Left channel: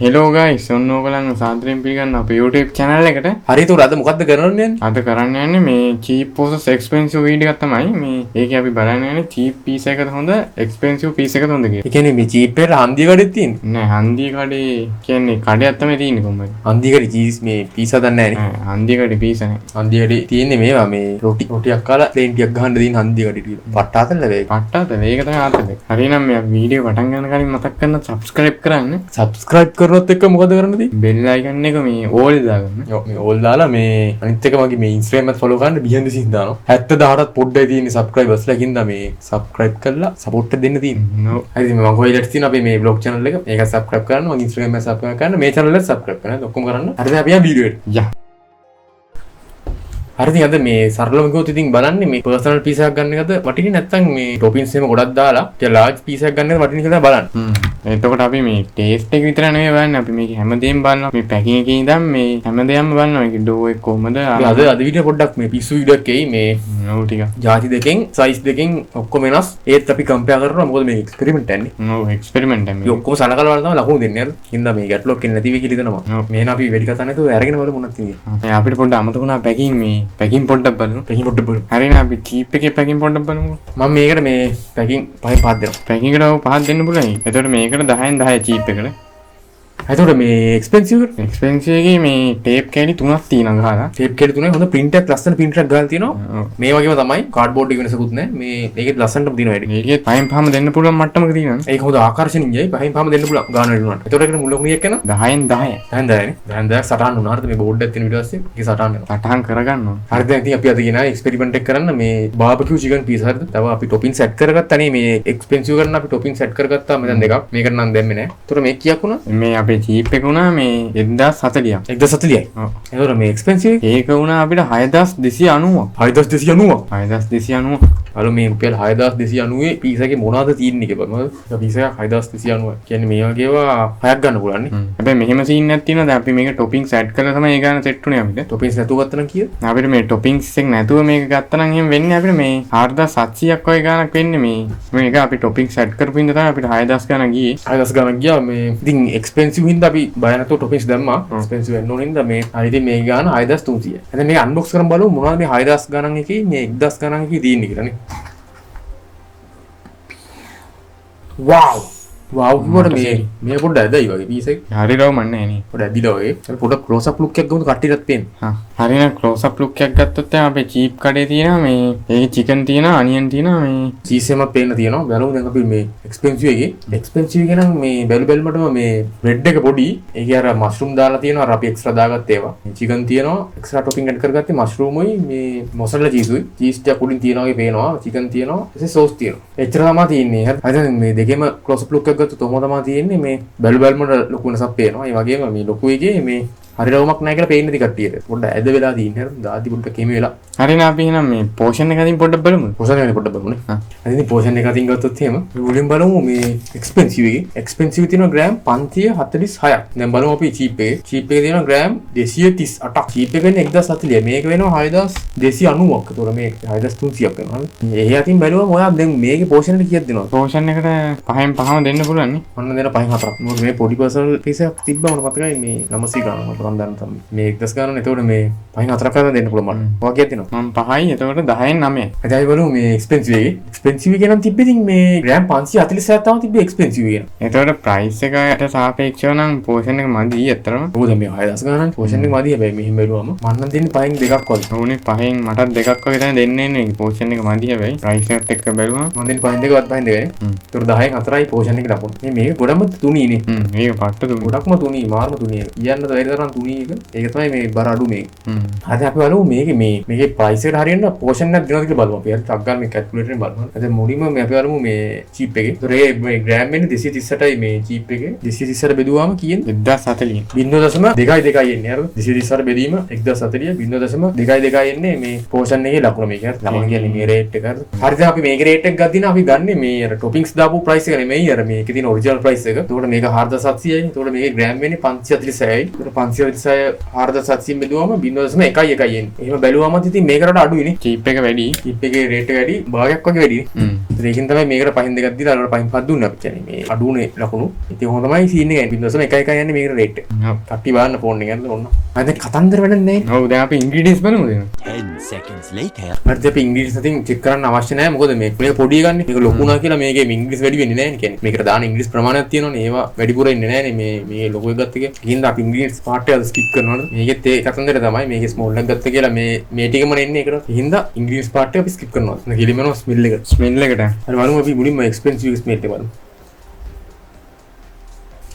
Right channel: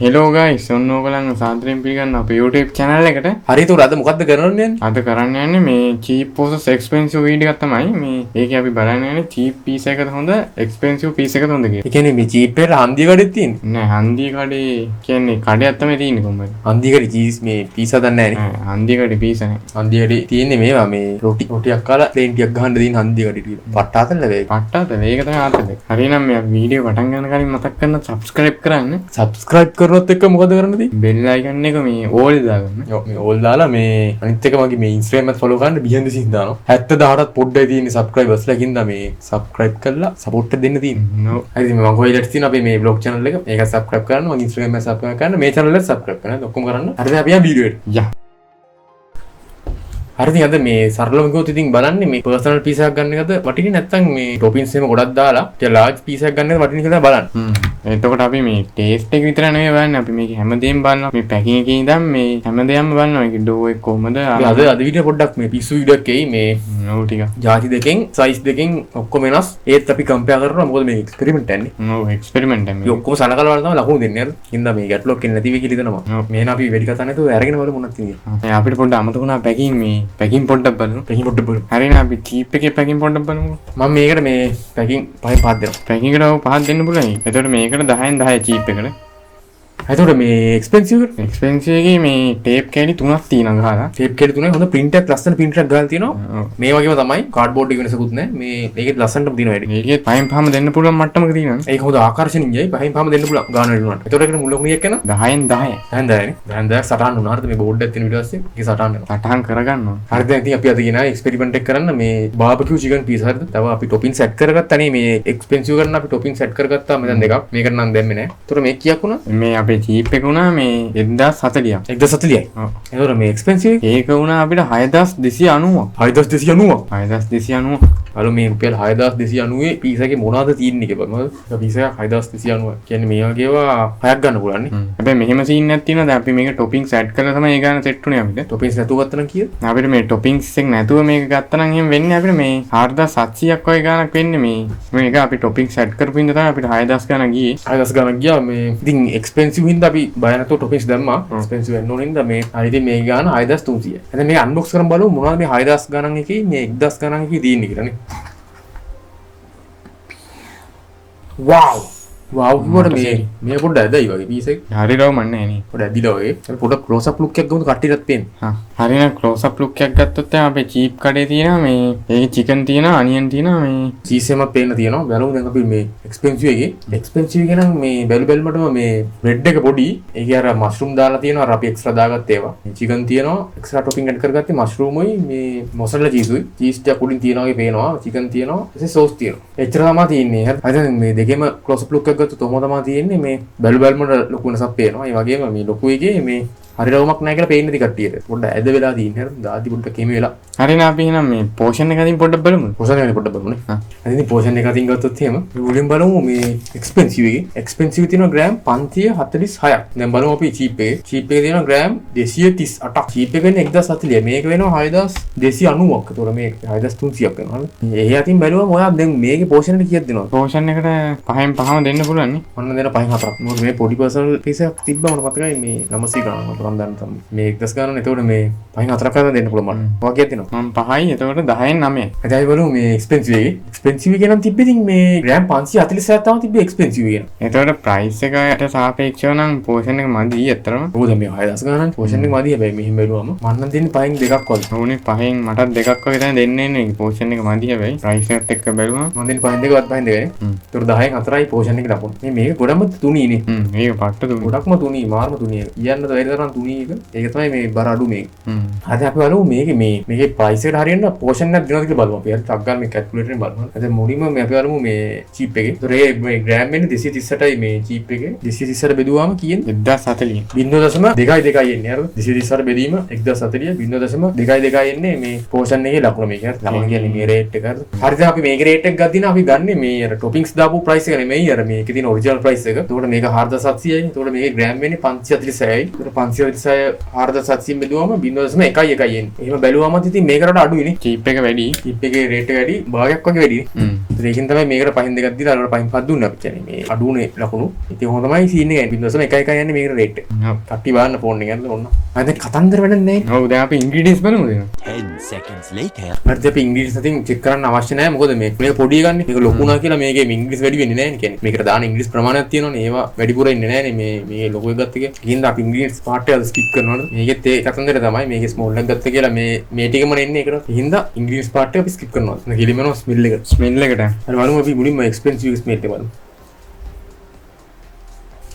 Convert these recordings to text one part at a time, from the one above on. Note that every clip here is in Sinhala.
හෙලෝ ගයිස් ඔන්න ඕගලන් සාදරයෙන් පිළිගන්න අපේ YouTube channel එකට. හරියට උර අද මොකද්ද කරන්නේ? අද කරන්න යන්නේ මේ cheap versus expensive වීඩියෝ එකක් තමයි. මේ ඒකේ අපි බලන්න යන්නේ cheap piece එකද හොඳ expensive piece එකද හොඳ කියලා. ඒ කියන්නේ මේ cheap එකට හන්දිය කඩේ තියෙන්නේ. නෑ හන්දිය කඩේ කියන්නේ කඩයක් තමයි තියෙන්නේ කොම්බයි. හන්දිය කඩේ cheese මේ piece හදන්න නැහැ නේ. හන්දිය කඩේ piece නැහැ. හන්දිය කඩේ තියෙන්නේ මේවා මේ රොටියක් කාලා ප්ලේන් ටිකක් ගහන්න දෙන හන්දිය කඩේ ටික. පට්ටාතල වේ. පට්ටාතල ඒක තමයි ආතල. හරිනම් මේ වීඩියෝ පටන් ගන්න කලින් මතක් කරන්න subscribe කරන්න. subscribe කරනොත් එක්ක මොකද කරන්නද? bell icon එක මේ all දාගන්න. ඔව් මේ all දාලා මේ අනිත් එක මගේ මේ Instagram එකත් follow කරන්න behind the scenes දානවා. 70000ටත් පොඩ්ඩයි තියෙන්නේ subscribers ලා කින්දා මේ subscribe කරලා support එක දෙන්න තියෙන්නේ. හරි මේ මම කොහෙලට තියෙන අපේ මේ vlog channel එක මේක subscribe කරන්න මගේ Instagram එක subscribe කරන්න මේ channel එකට subscribe කරන්න ඔක්කොම කරන්න. හරිද අපි යන් වීඩියෝ එකට. යා. හරිද අද මේ සරලව ගියොත් ඉතින් බලන්නේ මේ personal piece එකක් ගන්න එකද වටින්නේ නැත්නම් මේ toppings එහෙම ගොඩක් දාලා ටික large piece එකක් ගන්න එකද වටින්නේ කියලා බලන්න. එතකොට අපි මේ taste එක විතර නෙවෙයි බලන්නේ අපි මේක හැමදේම බලනවා. මේ packing එකේ ඉඳන් මේ හැමදේම බලනවා. මේක dough එක කොහමද අද වීඩියෝ පොඩ්ඩක් මේ පිස්සු වීඩියෝ එකේ මේ ඔව් ටික ಜಾති දෙකෙන් size දෙකෙන් ඔක්කොම වෙනස්. ඒත් අපි compare කරනවා මොකද මේ experiment යන්නේ. ඔව් experiment එක. මේ ඔක්කොම සලකලා බලලා තමයි ලකුණු දෙන්නේ නේද? හින්දා මේ ගැටලුවක් එන්නේ නැති වෙයි කියලා හිතනවා. මේන අපි වැඩි කතා නැතුව අරගෙන බලමු මොනවද කියන්නේ. අපිට පොඩ්ඩක් අමතක වුණා packing පොඩ්ඩක් බලමු. packing පොඩ්ඩක් බලමු. හරිනේ අපි cheap එකේ packing පොඩ්ඩක් බලමු. මම මේකට මේ packing පහෙන් පහක් දෙනවා. packing එකට පහක් දෙන්න පුළුවන්. එතකොට මේකට 10න් 10 cheap එකට. එතකොට මේ expensive එකේ මේ tape කැලි 3ක් තියෙනවා ගහලා. tape කැලි 3යි හොඳ print එකක් ලස්සන print එකක් ගහලා තියෙනවා. මේ වගේම තමයි cardboard එක වෙනසකුත් නැහැ. මේ මේකේ ලස්සනටම තියෙනවා වැඩි. මේකේ පහෙන් පහම දෙන්න පුළුවන් මට්ටමක තියෙනවා. ඒක හොඳ ආකර්ෂණීයයි. පහෙන් පහම දෙන්න පුළුවන් ගාන වෙනුවට. එතකොට ඒකට මුල ලකුණියක් යනවා 10න් 10. 10න් 10නේ. 10න් 10 සටහන් වුණා. හරිද මේ බෝඩ් එකක් තියෙන ඊට පස්සේ ඒක සටහන් වෙනවා. සටහන් කරගන්නවා. හරිද ඉතින් අපි අද ගෙනා එක්ස්පෙරිමන්ට් එක කරන්න මේ BBQ chicken piece හරිද? තව අපි toppings set කරගත්තා නේ මේ expensive කරන අපි toppings set කරගත්තා මෙතන දෙකක්. මේකට නම් දැම්මේ නැහැ. එතකොට මේක කීයක් වුණා? මේ අපේ cheap එක වුණා මේ 1040ක්. 1040යි. ඔව්. එතකොට මේ expensive ඒක වුණා අපිට 6290ක්. 6290. 6290. අර මේ රුපියල් 6290 piece එකේ මොනවද තියෙන්නේ කියලා බලමු. piece එකක් 6290. කියන්නේ මේ වගේ ඒවා හයක් ගන්න පුළුවන් නේ. හැබැයි මෙහෙම සීන් එකක් තියෙනවා. දැන් අපි මේක toppings add කරලා තමයි ඒ ගාන set උනේ අපිට. toppings නැතුව ගත්තා නම් කීයද? අපිට මේ toppings එක නැතුව මේක ගත්තා නම් එහෙම වෙන්නේ අපිට මේ 4700ක් වගේ ගානක් වෙන්නේ මේ. මේක අපි toppings add කරපු හින්දා තමයි අපිට 6000 ගානක් ගියේ. 6000 ගානක් ගියා මේ ඉතින් expensive හින්දා අපි බය නැතුව toppings දැම්මා. expensive වෙන්න ඕන හින්දා මේ ඉතින් මේ ගාන 6300. එහෙනම් මේක unbox කරන් බලමු මොනවද මේ 6000 ගානක් එකේ මේ 1000 ගානක් එකේ තියෙන්නේ කියලා නේ. wow වුණා මේ පොඩ්ඩක් ඇදයි වගේ piece එක. හරියටම මන්නේ නේ. පොඩ්ඩක් ඇදිලා වගේ. අපි පොඩ්ඩක් close up look එකක් ගමු කට්ටියටත් පේන්න. හරියන close up look එකක් ගත්තොත් දැන් අපේ cheap කඩේ තියෙනවා මේ ඒකේ chicken තියෙනවා onion තියෙනවා මේ cheese එකක් පේන්න තියෙනවා. බලමු දැන් අපි මේ expensive එකේ expensive එක නම් මේ බැලුමටම මේ bread එක පොඩි. ඒකේ අර mushroom දාලා තියෙනවා. අර අපි extra දාගත්ත ඒවා. chicken තියෙනවා. extra topping add කරගත්තේ mushroom උයි මේ mozzarella cheese උයි. cheese ටික පොඩි තියෙනවා වගේ පේනවා. chicken තියෙනවා. ඊට sauce තියෙනවා. එච්චර තමයි තියෙන්නේ. හරි මේ දෙකේම close up look ගත්තොත් තොම තමයි තියෙන්නේ මේ බැලුමට ලොකු වෙනසක් පේනවා. ඒ වගේම මේ ලොකු එකේ මේ හරියවමක් නැහැ කියලා පේන්නේ කට්ටියට. පොඩ්ඩක් ඇද වෙලා තියෙන්නේ. හරිද? දාදි පොඩ්ඩක් එමෙ වෙලා. හරිනේ අපි එහෙනම් මේ portion එක අතින් පොඩ්ඩක් බලමු. portion එක පොඩ්ඩක් බලමු නේ. ඉතින් portion එක අතින් ගත්තොත් එහෙම මුලින් බලමු මේ expensive එකේ. expensive තියෙනවා ග්‍රෑම් 546ක්. දැන් බලමු අපි cheap එකේ. cheap එකේ තියෙනවා ග්‍රෑම් 238ක්. cheap එක වෙන්නේ 1040. මේක වෙනවා 6290ක්. ඒතකොට මේ 6300ක් වෙනවා. ඒ අතින් බැලුවම ඔයා දැන් මේකේ portion එක කීයක් දෙනවද? portion එකට පහෙන් පහම දෙන්න පුළුවන් නේ. ඔන්න දෙන පහෙන් හතරක්. මොකද මේ පොඩි personal piece එකක් තිබ්බම මතකයි මේ 900 ගානක් මම දන්න තමයි. මේ 1000 ගානනේ. ඒතකොට මේ පහෙන් හතරක් කරලා දෙන්න පුළුවන් මට. ඔයා කීයක් දෙනවද? මම 5යි. එතකොට 10න් 9යි. එතයි බලමු මේ expensive එකේ. expensive එක නම් තිබ්බේ ඉතින් මේ ග්‍රෑම් 547ක් තමයි තිබ්බේ expensive එක. එතකොට price එකට සාපේක්ෂව නම් portion එක මදි ඇත්තටම. ඕක දැන් මේ 6000 ගානක් portion එක මදි හැබැයි මෙහෙම බැලුවම මම නම් දෙන්නේ පහෙන් දෙකක් වගේ. ඕනේ පහෙන් මටත් දෙකක් වගේ තමයි දෙන්නේ නේ. portion එක මදි හැබැයි price එකත් එක්ක බැලුවම මම දෙන්නේ පහෙන් දෙකවත් පහෙන් දෙකනේ. ඒතකොට 10න් 4යි portion එක ලකුණු. මේ මේක ගොඩම තුනීනේ. මේක පට්ට තුනී. ගොඩක්ම තුනී මාර්ම තුනී. කියන්න බැරි තරම් තුනී එක. ඒක තමයි මේ බර අඩු මේක. හරි අපි බලමු මේකේ price එකට හරියන්න portion එකක් දෙනවද කියලා බලමු. අපි හරි ටක් ගන්න මේ calculator එකෙන් බලමු. දැන් මුලින්ම මේ අපි බලමු මේ cheap එකේ. ඒතර මේ ග්‍රෑම් වෙන්නේ 238යි මේ cheap එකේ. 238 බෙදුවාම කීයද? 1040. 0.2 එන්නේ හරිද? 238 බෙදීම 1040 0.2 එන්නේ මේ portion එකේ ලකුණ මේක. ලකුණ කියන්නේ මේ rate එක හරිද? හරි දැන් අපි මේකේ rate එක ගත්තා අපි ගන්නේ මේ අර toppings දාපු price එක නෙමෙයි අර මේ මේකේ තියෙන ඔරිජිනල් ප්‍රයිස් එක. එතකොට මේක 4700යි. එතකොට මේකේ ග්‍රෑම් වෙන්නේ 546යි. එතකොට 546 4700 බෙදුවම 0.1යි එන්නේ. එහෙම බැලුවම ඉතින් මේකට අඩුයිනේ. චීප් එක වැඩි. චීප් එකේ රේට් එක වැඩි. භාගයක් වගේ වැඩිනේ. ඒකෙන් තමයි මේකට පහින් දෙකක් දීලා අරකට පහින් පහ දුන්නේ අපි කියන්නේ. මේ අඩුනේ ලකුණු. ඉතින් ඔහොම තමයි සීන් එක යන්නේ. 0.1යි යන්නේ මේකට රේට් එක. කට්ටි බලන්න ෆෝන් එක යන්නේ ඔන්න. අද කතන්දර වැඩක් නැහැ. ඔව් දැන් අපි ඉන්ග්‍රීඩියන්ට්ස් බලමුද? 10 seconds later. හරිද අපි ඉංග්‍රීසි සතින් චෙක් කරන්න අවශ්‍ය නැහැ. මොකද මේක පොඩි ගන්න. මේක ලොකු නා කියලා මේකේ ඉංග්‍රීසි වැඩි වෙන්නේ නැහැ නේ කියන්නේ. මේකට දාන ඉංග්‍රීසි ප්‍රමාණයක් තියෙනවනේ. ඒවා වැඩිපුර ඉන්නේ නැහැ නේ මේ ලොකු එක ගත්ත එක. ඒකින්ද අපි ඉංග්‍රීසි පාර්ට් එක ස්කිප් කරනවනේ. මේකෙත් ඒ කතන්දර තමයි. මේකේ ස්මෝල් එක ගත්ත කියලා මේ ටිකම එන්නේ ඒකට. ඒකින්ද ඉංග්‍රීසි පාර්ට් එක අපි ස්කිප් කරනවා. නැග කිලිමන ස්මෙල් එක. ස්මෙල් එකට. හරි බලමු අපි මුලින්ම එක්ස්පෙන්සිව් ස්මෙල් එක බලමු.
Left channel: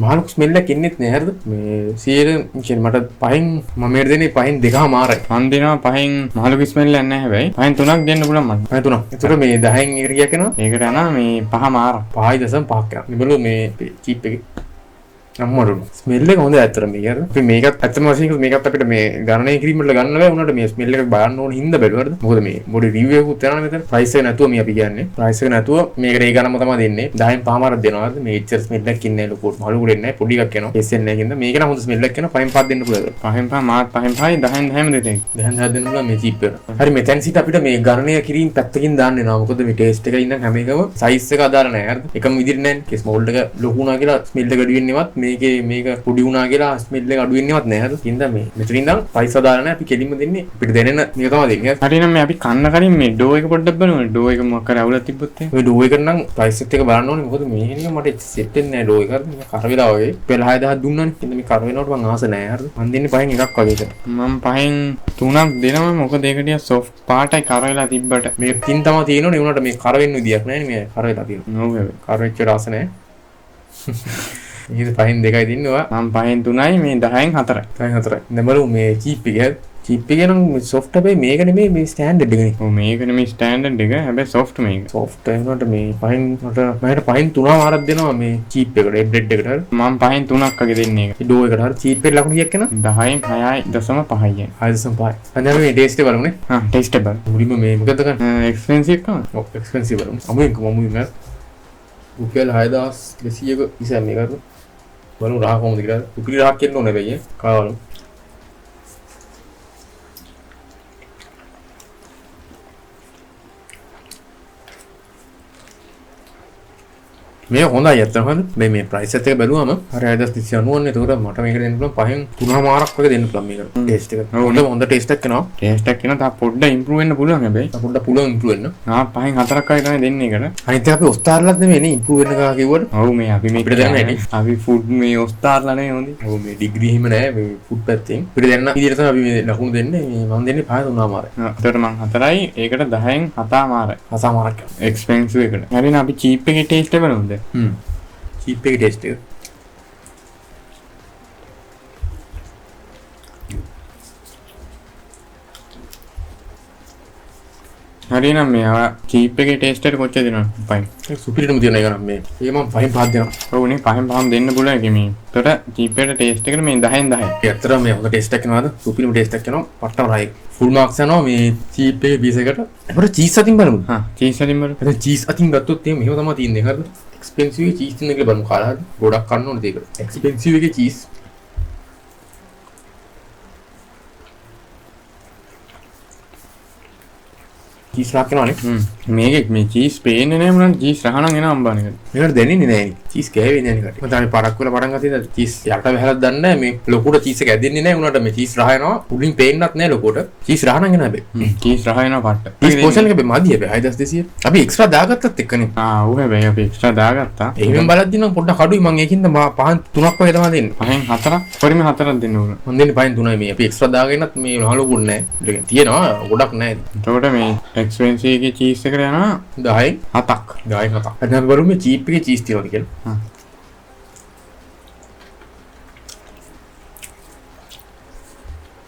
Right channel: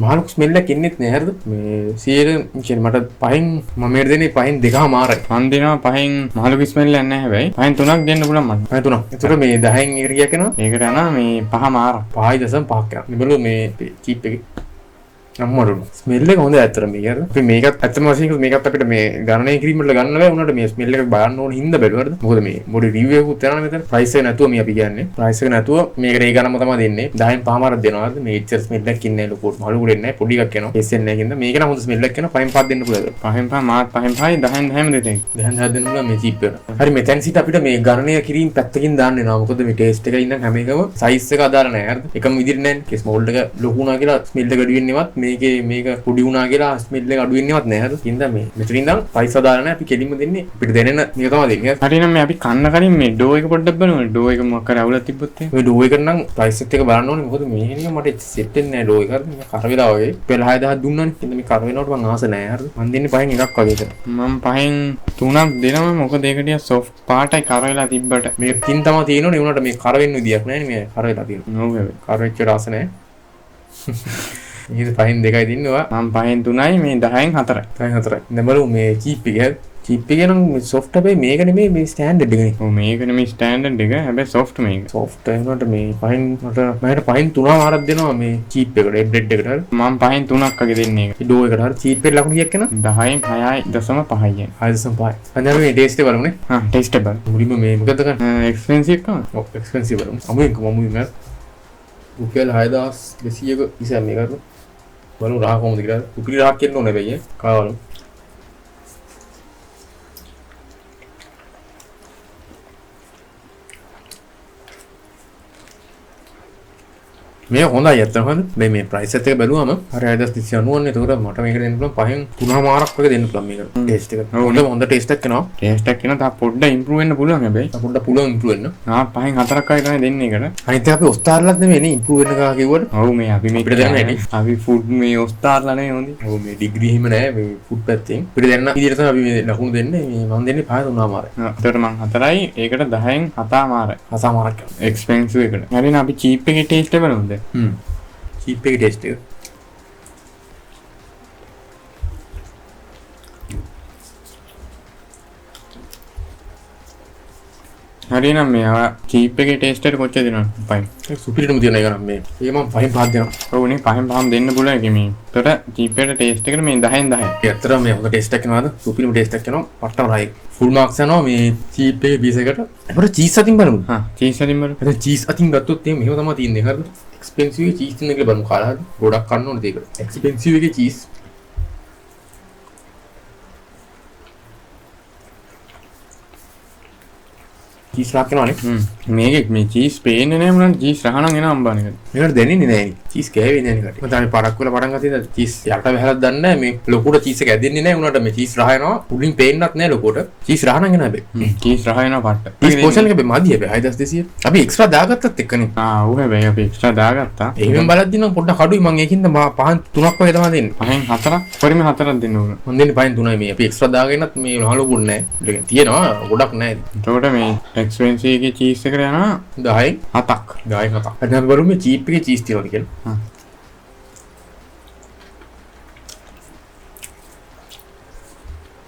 මහලු ස්මෙල් එකක් එන්නේත් නෑ හරිද? මේ 100 කියන්නේ මට පහෙන් මම මේකට දෙන්නේ පහෙන් දෙකම මාරයි. මන් දෙනවා පහෙන් මහලු ස්මෙල් එකක් නැහැ හැබැයි. පහෙන් 3ක් දෙන්න පුළුවන් මම. පහෙන් 3ක්. ඒතර මේ 10න් එකට ගියා කරනවා. ඒකට යනවා මේ 5 මාර. 5.5ක් යනවා. මේබලු මේ චීප් එකේ අම්මරු ස්මෙල් එක හොඳයි ඇත්තට මේක හරිද? අපි මේකත් ඇත්තම වශයෙන් මේකත් අපිට මේ ගණනය කිරීම වල ගන්න බෑ උනට මේ ස්මෙල් එක බලන්න ඕන හින්දා බැලුවාද? මොකද මේ මොඩි රිවිව් එකකුත් යනවා මෙතන. ප්‍රයිස් එක නැතුව මේ අපි කියන්නේ. ප්‍රයිස් එක නැතුව මේකට ඒ ගණන්ම තමයි දෙන්නේ. 10න් 5මාරක් දෙනවා හරිද? මේ එච්චර ස්මෙල් එකක් ඉන්නේ නැහැ ලොකු. මලු ගුඩෙන්නේ නැහැ. පොඩි එකක් යනවා. එස්සෙන් නැහැ කින්ද මේක නම් හොඳ ස්මෙල් එකක් යනවා. 5න් 5 දෙන්න පුළුවන්. 5න් 5 මාත් 5න් 5යි 10න් 10ම දෙතෙන්. 10න් 10 දෙන්න පුළුවන් මේ චීප් එක. හරි මෙතෙන් සිට අපිට මේ ගණනය කිරීම පැත්තකින් දාන්න වෙනවා. මොකද මේ ටේස්ට් එකේ ඉන්න හැම එකම සයිස් එක අදාළ නැහැ හරිද? එකම විදිහට නැහැ. ස්මෝල් එක ලොකු වුණා කියලා ස්මෙල් එක අඩු වෙන්නේවත් මේක පොඩි වුණා කියලා ස්මෙල් එක අඩු වෙන්නේවත් නැහැ හරිද? ඉතින් මේ මෙතනින් ඉඳන් ප්‍රයිස් අදාළ නැහැ. අපි කෙලින්ම දෙන්නේ අපිට දැනෙන මේක තමයි දෙන්නේ. හරි නම් මේ අපි කන්න කලින් මේ ඩෝ එක පොඩ්ඩක් බලමු. ඩෝ එක මොකක් කරේ අවුලක් තිබ්බොත් ඔය ඩෝ එක නම් ප්‍රයිස් එක බලන්න ඕනේ. මොකද මේ හින්දා මට සෙට් වෙන්නේ නැහැ ඩෝ එක හරිද? මේ කර වෙලා වගේ. පෙළ 6000 දුන්නානේ. ඉතින් මේ කර වෙනවට මම ආස නැහැ හරිද? මම දෙන්නේ පහෙන් එකක් වගේ ඒක. මම පහෙන් 3ක් දෙනවා. මොකද ඒක ටික සොෆ්ට් පාටයි කර වෙලා තිබ්බට. මේ තින් තමයි තියෙනවනේ. ඒ වුණාට මේ කර වෙන්න විදියක් නැහැ නේ. මේ කර වෙලා තියෙනවා. ඔව් හැබැයි. කර වෙච්ච රස නැහැ. මේක පහෙන් 2යි දින්නවා. මම පහෙන් 3යි මේ 10න් 4යි. 10න් 4යි. දැන් බලමු මේ චීප් එක. චීප් එක නම් සොෆ්ට් හැබැයි මේක නෙමෙයි මේ ස්ටෑන්ඩඩ් එකනේ. ඔව් මේක නෙමෙයි ස්ටෑන්ඩඩ් එක. හැබැයි සොෆ්ට් මේක. සොෆ්ට් වෙනකොට මේ පහෙන් මට පහෙන් 3මාරක් දෙනවා මේ චීප් එකට. බ්‍රෙඩ් එකට හරි. මම පහෙන් 3ක් වගේ දෙන්නේ. ඒ ඩෝ එකට හරි. චීප් එකට ලකුණු කීයක් එනවා? 10න් 6.5යි. 6.5යි. දැන් මේ ටේස්ට් එක බලමුනේ. ටේස්ට් එක බලමු. මුලින්ම මේ මොකද ගන්න? එක්ස්පෙන්සිව් එකම. ඔව් එක්ස්පෙන්සිව් බලමු. අමුයෙන් නෑ. රුපියල් 6200ක ඉතින් මේක කරමු. බලමු රහ කොහොමද කියලා. රුපියල් 1000ක් එන්න ඕනේ බැයි කාවලු. මේ හොඳයි ඇත්තටම හරිද? මේ ප්‍රයිස් එකත් එක බැලුවම හරි 6390 නේ. ඒකට මට මේක දෙන්න පුළුවන් පහෙන් 3මාරක් වගේ දෙන්න පුළුවන් මේක. ටේස්ට් එක. හොඳ ටේස්ට් එකක් එනවා. ටේස්ට් එකක් එනවා. තා පොඩ්ඩක් ඉම්ප්‍රූව් වෙන්න පුළුවන් හැබැයි. පොඩ්ඩක් පුළුවන් ඉම්ප්‍රූව් වෙන්න. පහෙන් 4ක් වගේ තමයි දෙන්නේ ඒකට. අනිත් අපි ඔස්තාර්ලාත් නෙමෙයි නේ ඉම්ප්‍රූව් වෙන්න කා කිව්වට. ඔව් මේ අපි මේක අපිට දැනන්නේ නේ. අපි ෆුඩ් මේ ඔස්තාර්ලා නේ හොඳයි. ඔව් මේ ඩිග්‍රී හිම නෑ මේ ෆුඩ් පැත්තෙන්. අපිට දැනන විදිහට තමයි අපි මේ ලකුණු දෙන්නේ. මම දෙන්නේ පහ 3මාරයි. ඒතර මම 4යි ඒකට 10න් 7මාරයි. 7මාරක්. එක්ස්පෙන්සිව් එකට. හරි නේ අපි චීප් එකේ ටේස්ට් එක බලමුද? චීප් එකේ ටේස්ට් එක. හරි නම් මේ චීප් එකේ ටේස්ට් එක කොච්චර දෙනවද? 5. සුපිරිටම තියෙන එක නම් මේ. ඒක මම 5න් 5 දෙනවා. ඔව් නේ 5න් 5ම දෙන්න පුළුවන් ඒක මේ. ඒතර චීප් එකේ ටේස්ට් එකට මේ 10න් 10යි. ඇත්තටම මේ හොඳ ටේස්ට් එකක් එනවාද? සුපිරිම ටේස්ට් එකක් එනවා. පට්ටම රයි. ෆුල් මාක්ස් යනවා මේ චීප් එකේ පීස් එකට. අපිට චීස් අතින් බලමු. චීස් අතින් බලමු. දැන් චීස් අතින් ගත්තොත් එහෙම මෙහෙම තමයි තියෙන්නේ. හරිද? එක්ස්පෙන්සිව් එකේ චීස් තියෙන එක බලමු කාලා. ගොඩක් කන්න ඕනේ ඒක. එක්ස්පෙන්සිව් එකේ චීස් චීස් රහක් එනවනේ. මේකේ මේ චීස් පේන්නේ නැහැ මොනවද චීස් රහනම් එන අම්බාන එක. මේකට දැනෙන්නේ නැහැ නේ. චීස් කෑවෙන්නේ නැහැ නේ. මම තාම පරක් වල පටන් ගත්තා ඉතින් චීස් යට බහලා දන්නේ නැහැ. මේ ලොකුට චීස් එක ඇදෙන්නේ නැහැ උනාට මේ චීස් රහ එනවා. උඩින් පේන්නත් නැහැ ලොකුට. චීස් රහ නම් එන හැබැයි. චීස් රහ එනවා පට්ට. චීස් පෝෂන් එක මදි හැබැයි 6200. අපි එක්ස්ට්‍රා දාගත්තත් එක්කනේ. ඔව් හැබැයි අපි එක්ස්ට්‍රා දාගත්තා. එහෙම බලද්දි නම් පොඩ්ඩක් අඩුයි මම ඒකින්ද පහන් 3ක් වගේ තමයි දෙන්නේ. පහෙන් 4ක් පරිම 4ක් දෙන්න ඕන. මම දෙන්නේ පහෙන් 3යි මේ. අපි එක්ස්ට්‍රා දාගෙනත් මේ නහලුකුත් නැහැ. ඒක තියෙනවා ගොඩක් නැහැ. එතකොට මේ එක්ස්පෙන්සිව් එකේ චීස් එකට යනවා 10යි 7ක්. 10යි 7ක්. දැන් අපි බලමු මේ චීප් එකේ චීස් තියනවාද කියලා.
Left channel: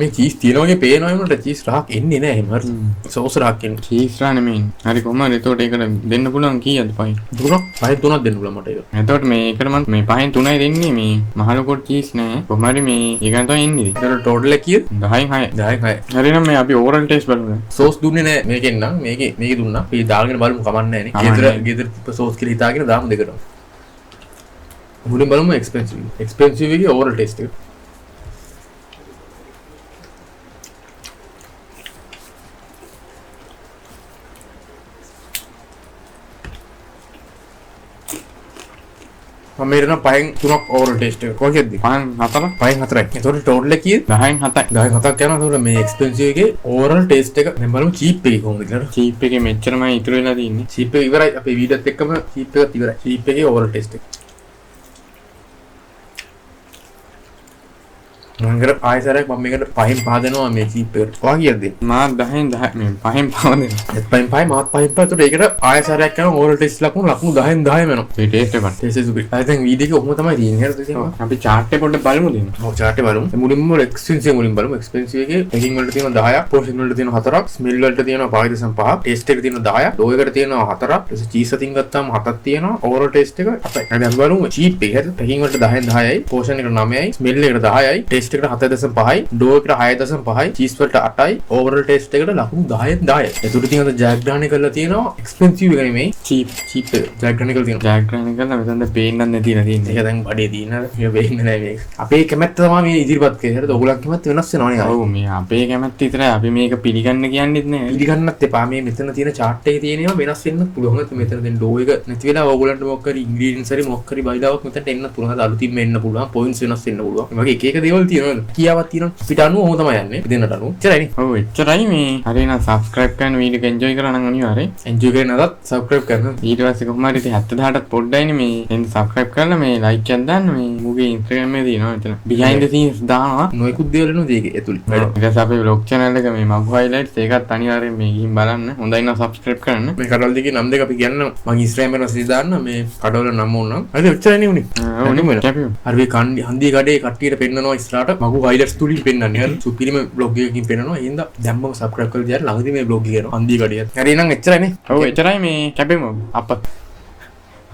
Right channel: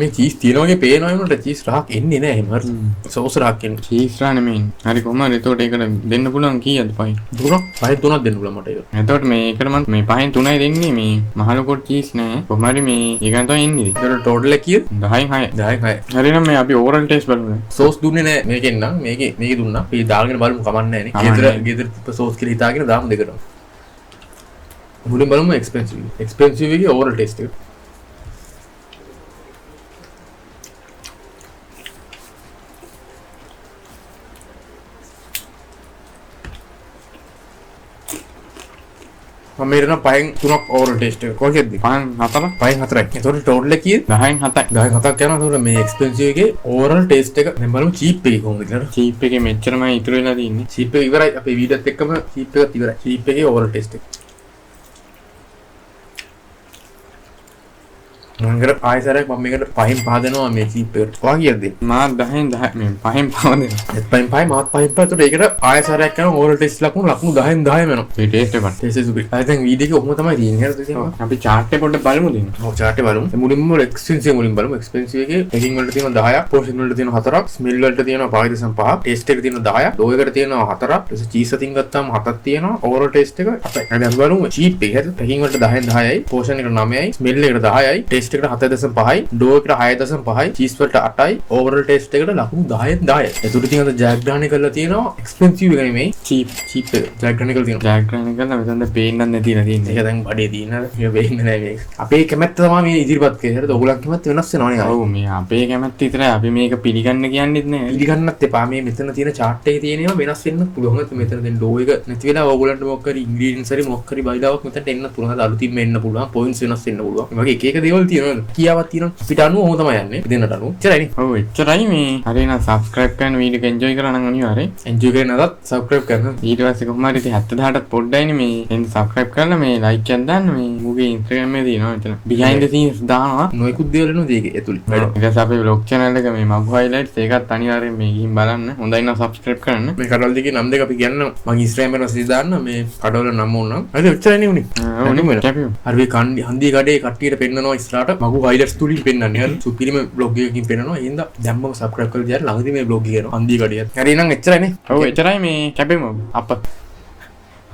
මේ චීස් තියනවා වගේ පේනවා වුණාට චීස් රහක් එන්නේ නැහැ එහෙම හරි. සෝස් රහක් එන්නේ. චීස් රහ නෙමෙයි. හරි කොහමද එතකොට ඒකට දෙන්න පුළුවන් කීයද පහෙන්? 3ක් දෙන්න පුළුවන් මට ඒක. එතකොට මේ එකට මම මේ පහෙන් 3යි දෙන්නේ මේ මහලොකෝට චීස් නෑ. කොහමද මේ ඊගන් තමයි එන්නේ. ඒතර ටෝටල් එක කීයද? 10න් 6. 10න් 6. හරි නම් මේ අපි ඕවරල් ටෙස්ට් බලමු. සෝස් දුන්නේ නැහැ මේකෙන් නම් මේකේ දුන්නා. අපි දාගෙන බලමු කමන්නේ නැහැ නේ. ගෙදර සෝස් කියලා හිතාගෙන දාමු දෙකට. මුලින් බලමු එක්ස්පෙන්සිව් එකේ ඕවර් ටෙස්ට් එක. මම මෙතන 5න් 3ක් ඕවර් ටෙස්ට් එක. කොහොමද? 5න් 4යි. ඒතකොට ටෝටල් එක කීයද? 10න් 7යි. 10න් 7ක් යනවා. ඒතකොට මේ එක්ස්පෙන්සිව් එකේ ඕවර් ටෙස්ට් එක දැන් බලමු චීප් එකේ කොහොමද කියලා. චීප් එකේ මෙච්චරමයි ඉතුරු වෙලා තියෙන්නේ. චීප් එක ඉවරයි. අපේ වීඩියෝත් එක්කම චීප් එකත් ඉවරයි. චීප් එකේ ඕවර් ටෙස්ට් එක. මම ආයෙසරයක් මම මේකට 5න් 5 දෙනවා මේ චීප් එකට. ඔයා කීයද? මා 10න් 10 මේ 5න් 5 දෙනවා. 5න් 5 මාත් 5න් 5. ඒතකොට ඒකට ආයෙසරයක් කරන ඕවර් ටෙස්ට් ලකුණු 10න් 10 වෙනවා. මේ ටෙස්ට් එක ටෙස්ට් එක සුපිරි. දැන් වීඩියෝ එක ඔහොම තමයි තියෙන්නේ. හරිද? අපි chart එක පොඩ්ඩක් බලමු දෙන්න. ඔව් chart එක බලමු. මුලින්ම එක්ස්පෙන්සිව් මුලින් බලමු. එක්ස්පෙන්සිව් එකේ හෙඩින් වලට තියෙනවා 10ක්, පොසිෂන් වලට තියෙනවා 4ක්, ස්මෙල් වලට තියෙනවා 5.5ක්, ටෙස්ට් එකේ තියෙනවා 10ක්, ලෝ එකට තියෙනවා 4ක්, ඊට චීස් අතින් ගත්තාම 7ක් තියෙනවා. ඕවර් ටෙස්ට් එක 8යි. දැන් බලමු චීප් එක. හරිද? හෙඩින් වලට 10න් 10යි, පොසිෂන් එකට 9යි, ස්මෙල් එකට 10යි, ටෙස්ට් එකට 7.5යි, ඩෝ එකට 6.5යි, චීස් වලට 8යි, ඕවර් ටෙස්ට් එකට ලකුණු 10න් 10යි. ඒකට තියෙනවා ජයග්‍රහණය කරලා තියෙනවා එක්ස්පෙන්සිව් එකයි මේ චීප් එක ජයග්‍රහණය කරලා තියෙනවා. ජයග්‍රහණය කරලා මෙතන පේන්නත් නැති තියෙන්නේ. ඒක දැන් බඩේ තියෙනවා. මේක වෙන්නේ නැහැ මේක. අපේ කැමැත්ත තමයි මේ ඉදිරිපත් කරේ. හරිද? ඔයගොල්ලන්ගේ කැමැත්ත වෙනස් වෙනවා නේද? ඔව් මේ අපේ කැමැත්ත විතරයි. අපි මේක පිළිගන්න කියන්නේත් නෑ. පිළිගන්නත් එපා. මේ මෙතන තියෙන chart එකේ තියෙනවා වෙනස් වෙන්නත් පුළුවන්. නැත්නම් මෙතන දැන් ලෝ එක නැති වෙලා ඕගොල්ලන්ට මොකක් හරි ඉන්ග්‍රීඩියන්ට්ස් හරි මොකක් හරි බයිලාවක් මෙතනට එන්නත් පුළුවන්. හරිද? අලුතින්ම එන්න පුළුවන්. පොයින්ට්ස් වෙනස් වෙන්න පුළුවන්. මේ වගේ එක එක දේවල් තියෙනවා. කියාවක් තියෙනවා. පිට අනුව ඔහොම තමයි යන්නේ. දෙන්නට අනුව. එච්චරයිනේ. ඔව් එච්චරයි මේ. හරි නම් subscribe කරන්න වීඩියෝ එක enjoy කරා නම් අනිවාර්යෙන් එන්ජොයි කරන අදත් subscribe කරන්න. ඊට පස්සේ කොහොම හරි 70000ටත් පොඩ්ඩයිනේ මේ එන්න subscribe කරලා මේ like එකක් දාන්න මේ මුගේ Instagram එකේ තියෙනවා එතන behind the scenes දානවා නොයෙකුත් දේවල් එනවා ඒකේ ඇතුළේ. ඊට පස්සේ අපේ vlog channel එක මේ Magu highlights ඒකත් අනිවාර්යෙන් මේ ගිහින් බලන්න. හොඳයි නම් subscribe කරන්න. මේ කඩවල දෙකේ නම් දෙක අපි කියන්න මම Instagram එකේ message දාන්න මේ කඩවල නම් ඕන. හරිද? එච්චරයි උනේ. ඕනේ මම කැපිමු. හරි මේ හන්දිය කඩේ කට්ටියට පෙන්නනවා ඉස්සරහට Magu highlights තුලින් පෙන්නන්නේ. හරි සුපිරිම vlog එකකින් පෙන්නනවා. එහෙනම් දැම්මම subscribe කරලා දිහා ළඟදී මේ vlog එක යනවා හන්දිය කඩේ. හරි එහෙනම් එච්චරයිනේ. ඔව් එච්චරයි මේ කැපෙමු අප